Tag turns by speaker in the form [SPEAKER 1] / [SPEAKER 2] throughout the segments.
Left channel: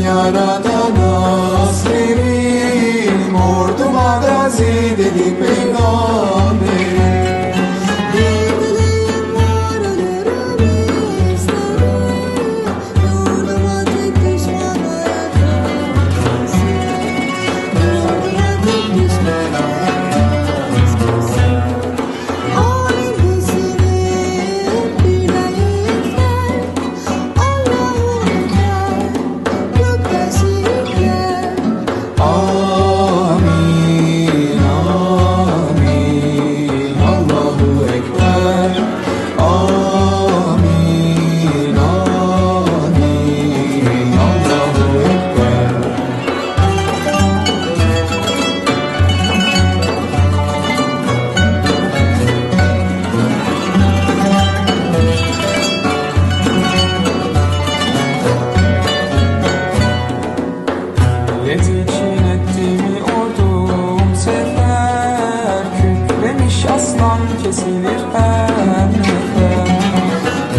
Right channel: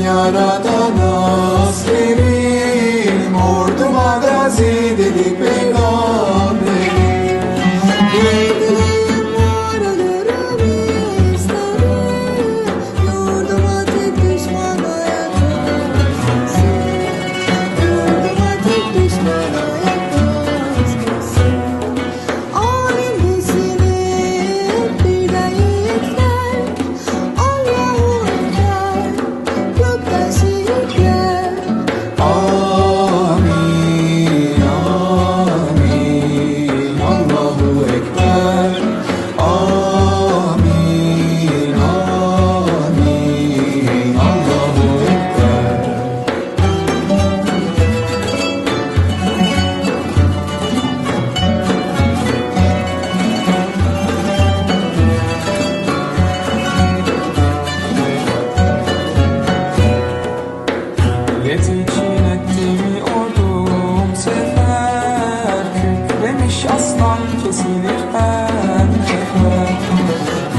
[SPEAKER 1] yaratan askerim Orduma gazi dedi peygamberim Kükremiş aslan kesilir her nefer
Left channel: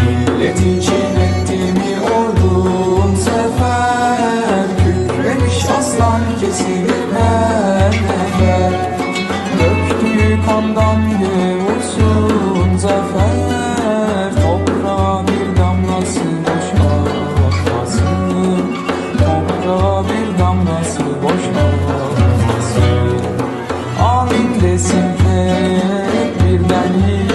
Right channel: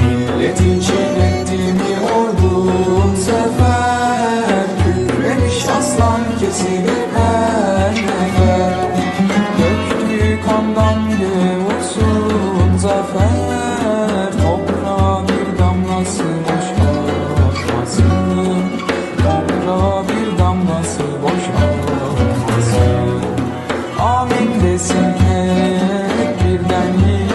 [SPEAKER 1] Millet için ettiğimi ordum sefer. Kükremiş aslan kesilir her nefer Döktüğü kandan gevursun zafer. Toprağa bir damlası boş olmasın Toprağa bir damlası boş olmasın Amin desin hep birden. yiğitler